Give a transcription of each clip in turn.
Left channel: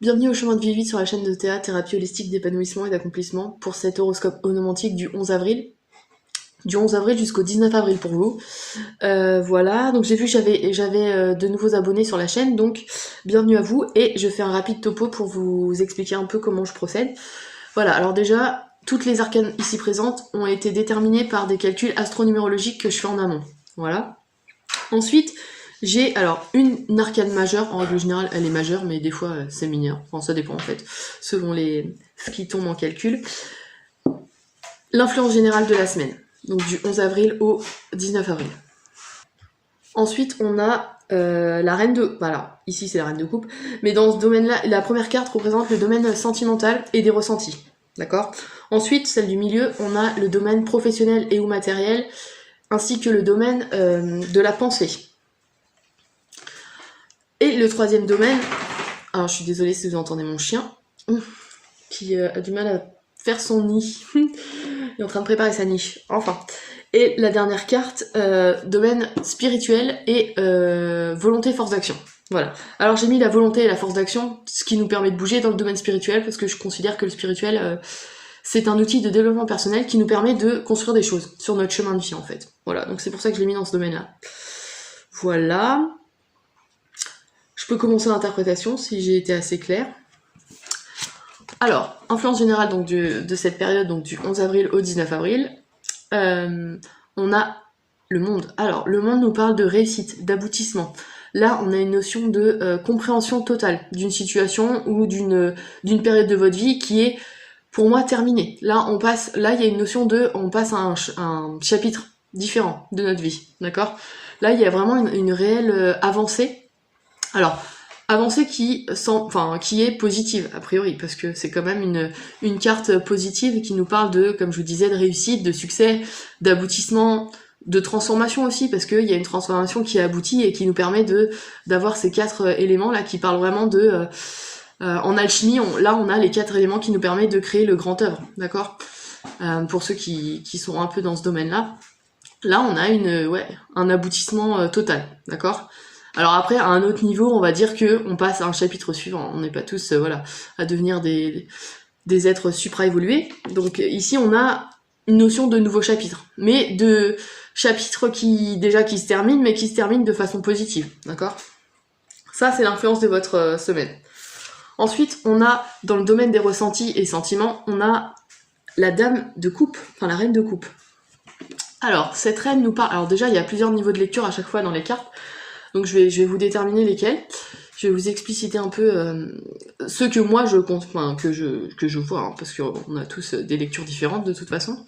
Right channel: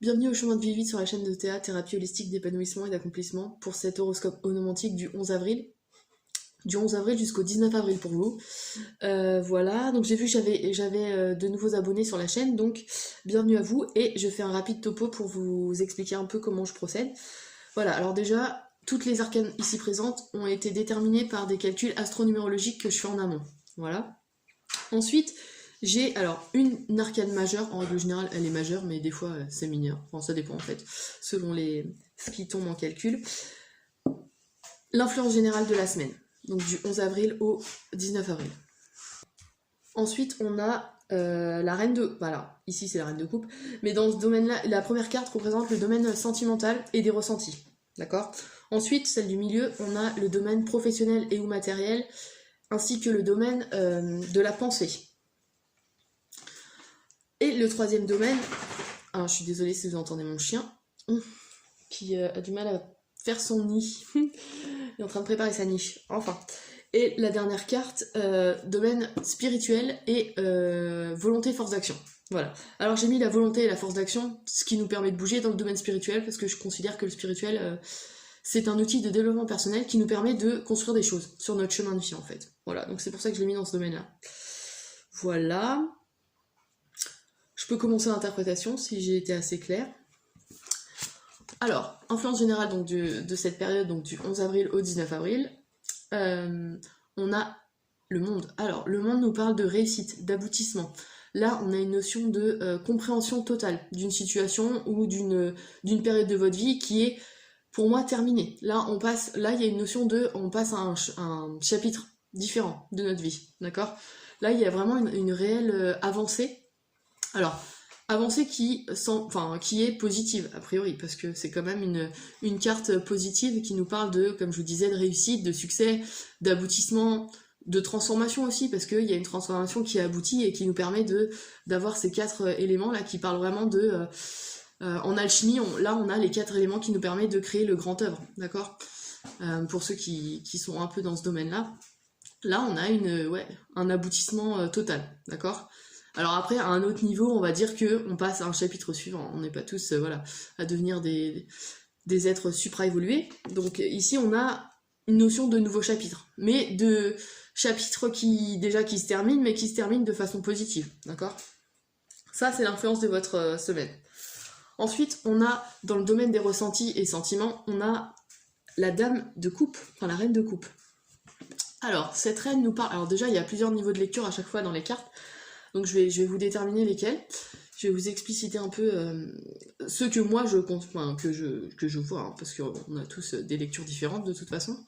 Bienvenue au chemin de vie vite sur la chaîne de théâtre, thérapie holistique d'épanouissement et d'accomplissement pour cet horoscope onomantique du 11 avril. Du 11 avril jusqu'au 19 avril pour vous. Voilà, donc j'ai vu que j'avais de nouveaux abonnés sur la chaîne, donc bienvenue à vous et je fais un rapide topo pour vous expliquer un peu comment je procède. Voilà, alors déjà, toutes les arcanes ici présentes ont été déterminées par des calculs astronumérologiques que je fais en amont. Voilà. Ensuite, j'ai alors une arcane majeure, en règle générale elle est majeure, mais des fois c'est mineur, enfin ça dépend en fait, selon ce qui tombe en calcul. L'influence générale de la semaine, donc du 11 avril au 19 avril. Ensuite on a la reine de... Voilà, ici c'est la reine de coupe, mais dans ce domaine-là, la première carte représente le domaine sentimental et des ressentis, d'accord. Ensuite, celle du milieu, on a le domaine professionnel et ou matériel, ainsi que le domaine de la pensée. Et le troisième domaine, alors je suis désolée si vous entendez mon chien, qui a du mal à faire son nid. Il est en train de préparer sa niche, enfin. Et la dernière carte, domaine spirituel et volonté, force d'action. Voilà. Alors j'ai mis la volonté et la force d'action, ce qui nous permet de bouger dans le domaine spirituel, parce que je considère que le spirituel, c'est un outil de développement personnel qui nous permet de construire des choses sur notre chemin de vie en fait. Voilà, donc c'est pour ça que je l'ai mis dans ce domaine-là. Voilà. Je peux commencer l'interprétation si j'ai été assez claire. Alors, influence générale donc, de cette période, donc du 11 avril au 19 avril, on a le monde. Alors, le monde nous parle de réussite, d'aboutissement. Là, on a une notion de compréhension totale d'une situation ou d'une période de votre vie qui est, pour moi, terminée. Là, il y a une notion de, on passe à un chapitre différent de notre vie, d'accord? Là, il y a vraiment une réelle avancée. Alors, avancée qui est positive, a priori, parce que c'est quand même une carte positive qui nous parle de, comme je vous disais, de réussite, de succès, d'aboutissement, de transformation aussi, parce qu'il y a une transformation qui aboutit et qui nous permet d'avoir ces quatre éléments là qui parlent vraiment de... en alchimie, là on a les quatre éléments qui nous permettent de créer le grand œuvre, d'accord. Pour ceux qui sont un peu dans ce domaine-là. Là on a un aboutissement total, d'accord. Alors après, à un autre niveau, on va dire que on passe à un chapitre suivant. On n'est pas tous à devenir des êtres supra-évolués. Donc ici, on a une notion de nouveau chapitre. Mais de chapitres qui se terminent, mais qui se terminent de façon positive. D'accord. Ça, c'est l'influence de votre semaine. Ensuite, on a, dans le domaine des ressentis et sentiments, on a la dame de coupe, enfin la reine de coupe. Alors, cette reine nous parle... Alors déjà, il y a plusieurs niveaux de lecture à chaque fois dans les cartes. Donc je vais vous déterminer lesquels. Je vais vous expliciter un peu ceux que moi je compte, enfin que je vois, hein, parce qu'on a tous des lectures différentes de toute façon.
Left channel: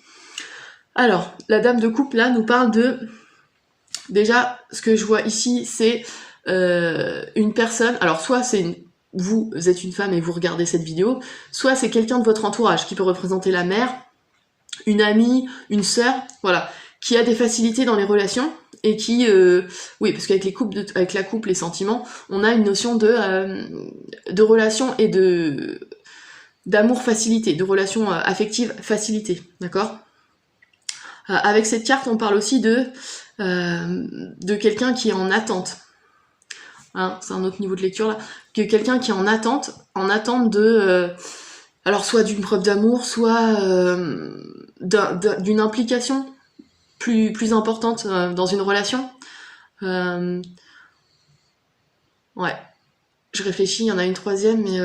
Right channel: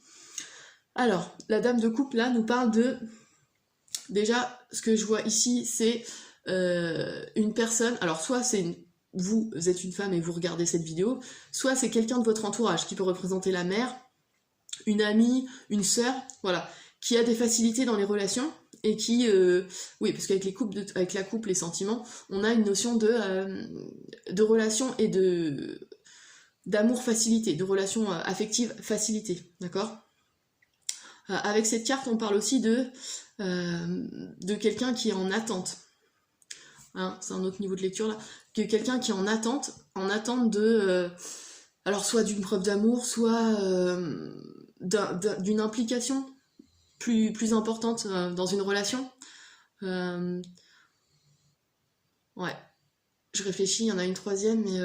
Alors, la dame de coupe là nous parle de... Déjà, ce que je vois ici, c'est une personne... Alors soit vous êtes une femme et vous regardez cette vidéo, soit c'est quelqu'un de votre entourage qui peut représenter la mère, une amie, une sœur, voilà, qui a des facilités dans les relations et qui, oui, parce qu'avec avec la couple, les sentiments, on a une notion de relation et d'amour facilité, de relation affective facilité, d'accord. Avec cette carte, on parle aussi de quelqu'un qui est en attente. Hein, c'est un autre niveau de lecture là, que quelqu'un qui est en attente de, alors soit d'une preuve d'amour, soit d'une implication plus importante dans une relation. Ouais, je réfléchis, il y en a une troisième, mais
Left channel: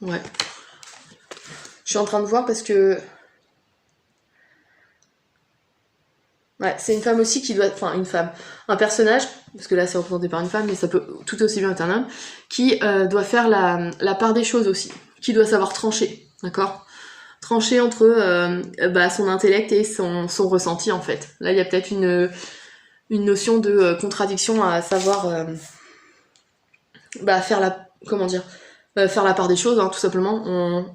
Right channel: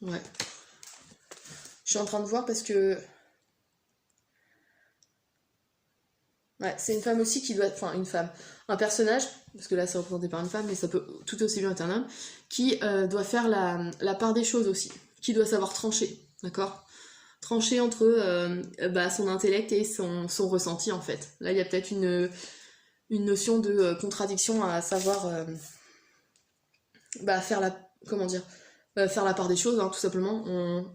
ouais. Je suis en train de voir parce que... Ouais, c'est une femme aussi qui doit... Enfin, une femme. Un personnage, parce que là c'est représenté par une femme, mais ça peut tout aussi bien être un homme, qui doit faire la part des choses aussi. Qui doit savoir trancher, d'accord. Trancher entre son intellect et son ressenti, en fait. Là, il y a peut-être une notion de contradiction à savoir faire la part des choses, hein, tout simplement.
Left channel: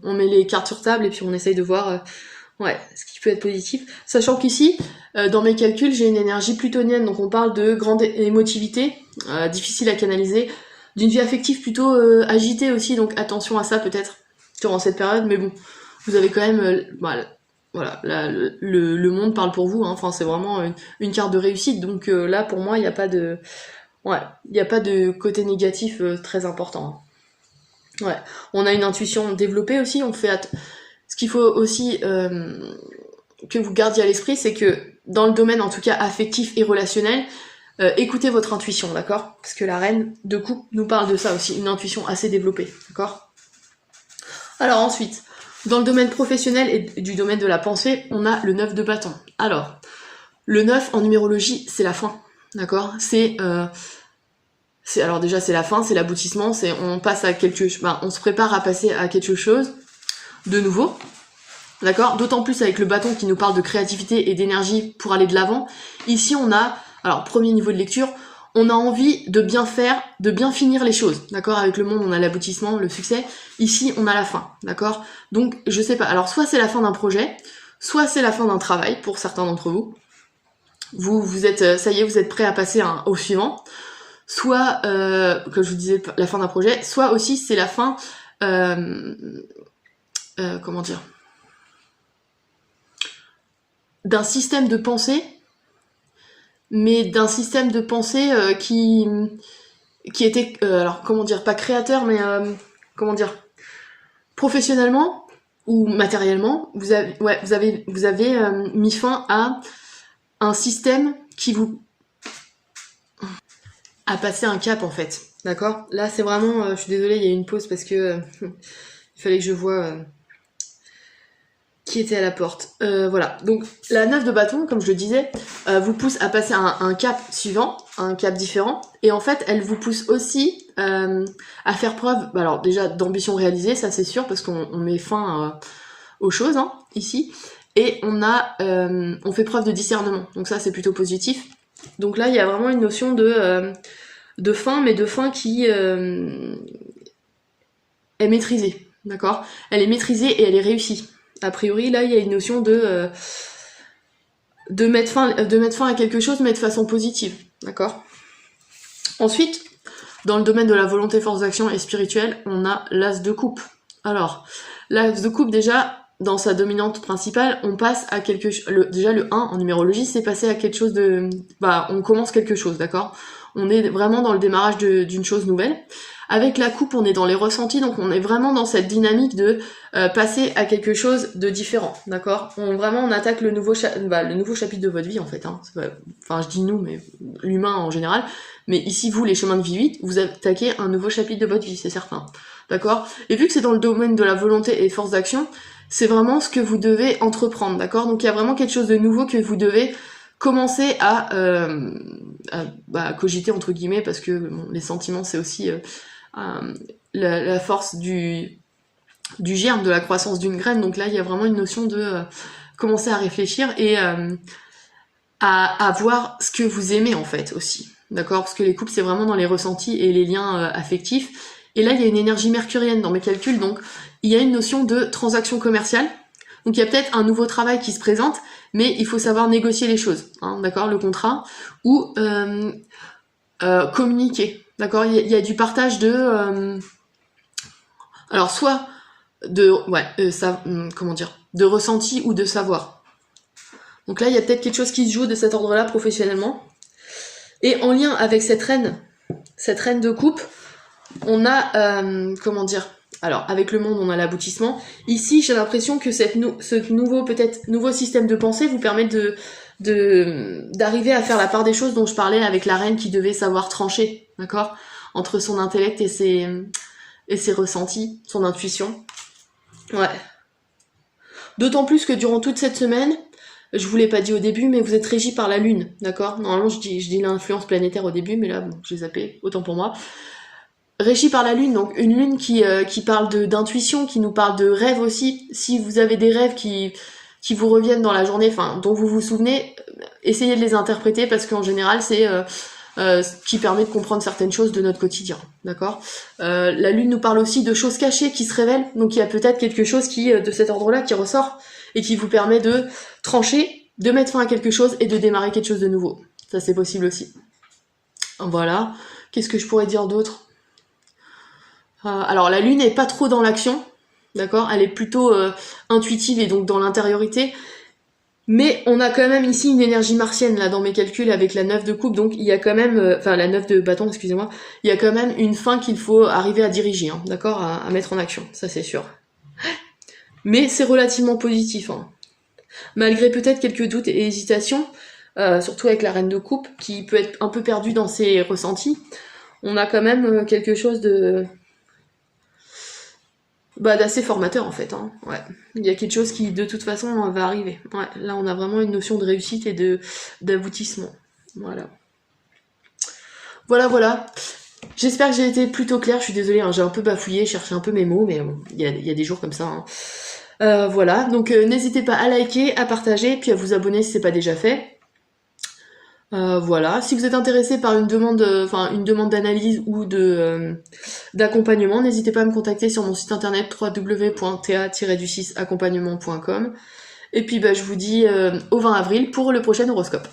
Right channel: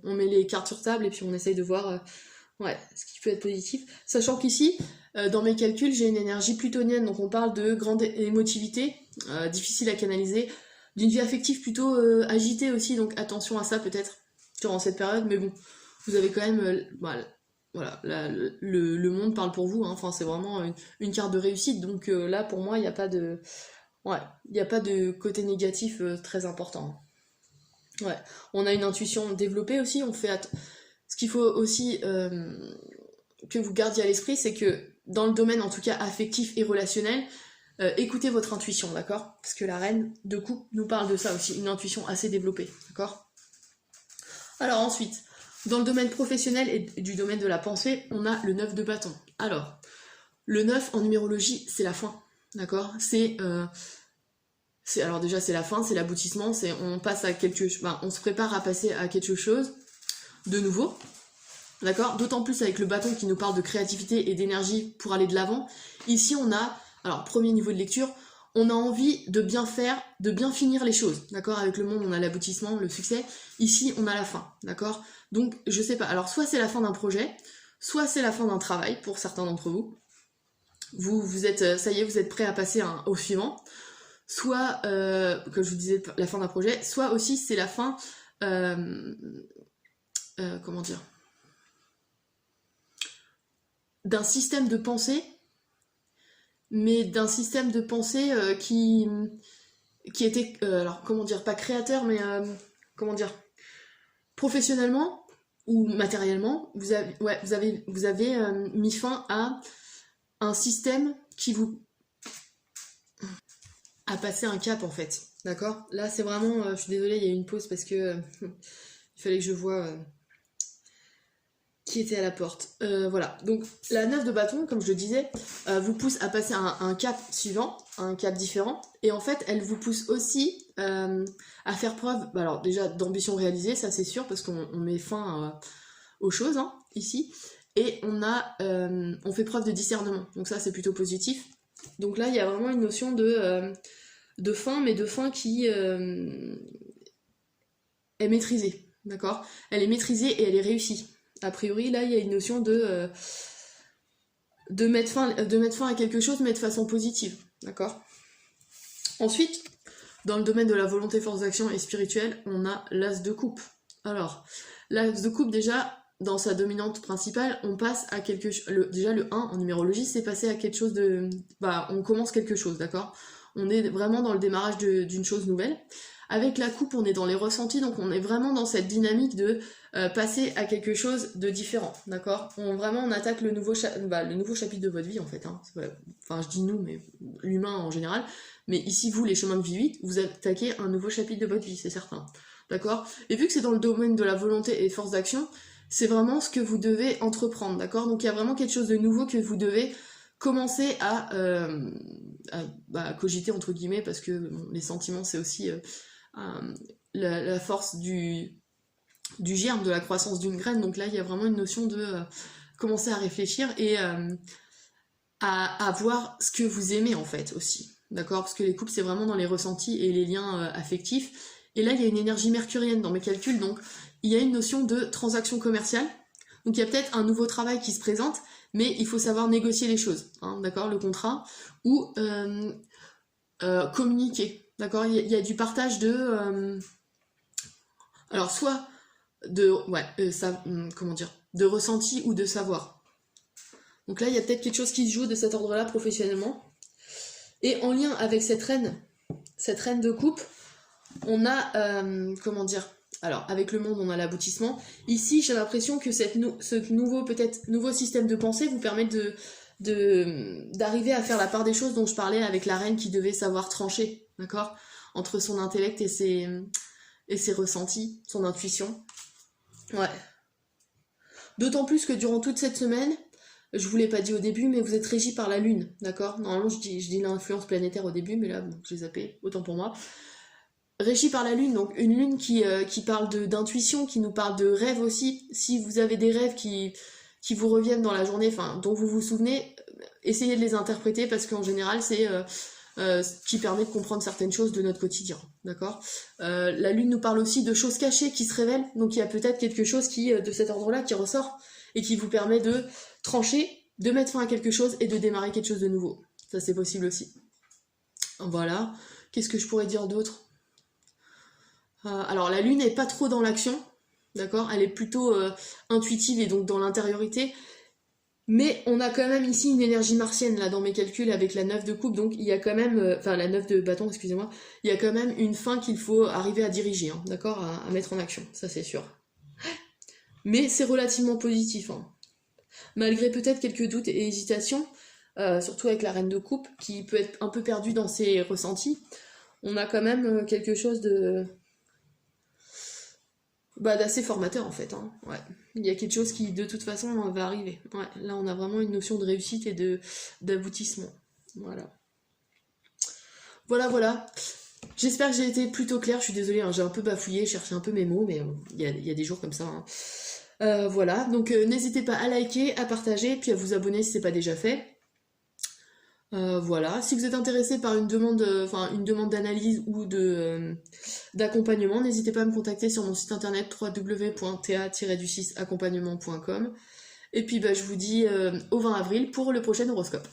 On met les cartes sur table et puis on essaye de voir ce qui peut être positif. Sachant qu'ici, dans mes calculs, j'ai une énergie plutonienne, donc on parle de grande émotivité, difficile à canaliser, d'une vie affective plutôt agitée aussi, donc attention à ça peut-être durant cette période, mais bon, vous avez quand même... voilà, le monde parle pour vous, hein. Enfin, c'est vraiment une carte de réussite, donc là, pour moi, il n'y a pas de... Ouais, il n'y a pas de côté négatif très important. Ouais, on a une intuition développée aussi, ce qu'il faut aussi que vous gardiez à l'esprit, c'est que dans le domaine en tout cas affectif et relationnel, écoutez votre intuition, d'accord? Parce que la reine de coupe nous parle de ça aussi, une intuition assez développée, d'accord? Alors ensuite, dans le domaine professionnel et du domaine de la pensée, on a le 9 de bâton. Alors, le 9 en numérologie, c'est la fin, d'accord? Alors déjà c'est la fin, c'est l'aboutissement, on passe à on se prépare à passer à quelque chose de nouveau, d'accord? D'autant plus avec le bâton qui nous parle de créativité et d'énergie pour aller de l'avant. Ici on a, alors premier niveau de lecture, on a envie de bien faire, de bien finir les choses, d'accord? Avec le monde on a l'aboutissement, le succès. Ici on a la fin, d'accord? Donc je sais pas, alors soit c'est la fin d'un projet, soit c'est la fin d'un travail pour certains d'entre vous. Vous êtes, ça y est, vous êtes prêt à passer au suivant. Soit, comme je vous disais, la fin d'un projet, soit aussi c'est la fin, comment dire, d'un système de pensée, mais d'un système de pensée qui était, alors comment dire, pas créateur, mais comment dire, professionnellement ou matériellement, vous avez mis fin à un système qui vous a passé un cap en fait, d'accord? Là c'est vraiment, je suis désolée, il y a une pause parce que il fallait que je vois qui était à la porte. Voilà, donc la 9 de bâton, comme je le disais, vous pousse à passer un cap suivant, un cap différent, et en fait elle vous pousse aussi à faire preuve, alors déjà d'ambition réalisée, ça c'est sûr, parce qu'on met fin aux choses, hein, ici, et on fait preuve de discernement, donc ça c'est plutôt positif. Donc là il y a vraiment une notion de fin, mais de fin qui est maîtrisée, d'accord? Elle est maîtrisée et elle est réussie. A priori, là, il y a une notion de mettre fin à quelque chose, mais de façon positive, d'accord? Ensuite, dans le domaine de la volonté, force d'action et spirituelle, on a l'as de coupe. Alors, l'as de coupe, déjà, dans sa dominante principale, on passe à quelque chose... Déjà, le 1 en numérologie, c'est passer à quelque chose de... on commence quelque chose, d'accord? On est vraiment dans le démarrage d'une chose nouvelle. Avec la coupe, on est dans les ressentis, donc on est vraiment dans cette dynamique de passer à quelque chose de différent, d'accord? On attaque le nouveau chapitre de votre vie, en fait. Hein. Enfin, je dis nous, mais l'humain en général. Mais ici, vous, les chemins de vie 8, vous attaquez un nouveau chapitre de votre vie, c'est certain. D'accord? Et vu que c'est dans le domaine de la volonté et force d'action, c'est vraiment ce que vous devez entreprendre, d'accord? Donc il y a vraiment quelque chose de nouveau que vous devez commencer à cogiter, entre guillemets, parce que bon, les sentiments, c'est aussi la force du germe, de la croissance d'une graine. Donc là, il y a vraiment une notion de commencer à réfléchir et à voir ce que vous aimez, en fait, aussi. D'accord? Parce que les couples, c'est vraiment dans les ressentis et les liens affectifs. Et là, il y a une énergie mercurienne dans mes calculs, donc il y a une notion de transaction commerciale. Donc il y a peut-être un nouveau travail qui se présente, mais il faut savoir négocier les choses, hein, d'accord, le contrat, ou communiquer, d'accord, il y a du partage de... alors soit de... comment dire, de ressenti ou de savoir. Donc là, il y a peut-être quelque chose qui se joue de cet ordre-là professionnellement. Et en lien avec cette reine de coupe, on a, comment dire, alors avec le monde on a l'aboutissement. Ici j'ai l'impression que ce nouveau système de pensée vous permet d'arriver à faire la part des choses dont je parlais avec la reine qui devait savoir trancher, d'accord, entre son intellect et ses ressentis, son intuition. Ouais. D'autant plus que durant toute cette semaine, je vous l'ai pas dit au début, mais vous êtes régi par la lune, d'accord? Normalement je dis l'influence planétaire au début, mais là bon, j'ai zappé, autant pour moi. Régi par la lune, donc une lune qui parle d'intuition, qui nous parle de rêve aussi. Si vous avez des rêves qui vous reviennent dans la journée, enfin dont vous vous souvenez, essayez de les interpréter parce qu'en général c'est ce qui permet de comprendre certaines choses de notre quotidien, d'accord? La lune nous parle aussi de choses cachées qui se révèlent, donc il y a peut-être quelque chose de cet ordre-là qui ressort et qui vous permet de trancher, de mettre fin à quelque chose et de démarrer quelque chose de nouveau. Ça c'est possible aussi. Voilà. Qu'est-ce que je pourrais dire d'autre ? Alors la lune n'est pas trop dans l'action, d'accord? Elle est plutôt intuitive et donc dans l'intériorité. Mais on a quand même ici une énergie martienne là dans mes calculs avec la 9 de coupe, donc il y a quand même, enfin la 9 de bâton, excusez-moi, il y a quand même une fin qu'il faut arriver à diriger, hein, d'accord, à mettre en action, ça c'est sûr. Mais c'est relativement positif, hein. Malgré peut-être quelques doutes et hésitations, surtout avec la reine de coupe, qui peut être un peu perdue dans ses ressentis, on a quand même quelque chose de d'assez formateur en fait, hein. Ouais. Il y a quelque chose qui de toute façon va arriver. Ouais. Là on a vraiment une notion de réussite et d'aboutissement. Voilà. Voilà. J'espère que j'ai été plutôt claire, je suis désolée, hein, j'ai un peu bafouillé, cherché un peu mes mots, mais bon, il y a des jours comme ça, hein. Voilà, donc n'hésitez pas à liker, à partager, puis à vous abonner si c'est pas déjà fait. Voilà, si vous êtes intéressé par une demande d'analyse ou d'accompagnement, n'hésitez pas à me contacter sur mon site internet www.ta-du6accompagnement.com. Et puis je vous dis au 20 avril pour le prochain horoscope.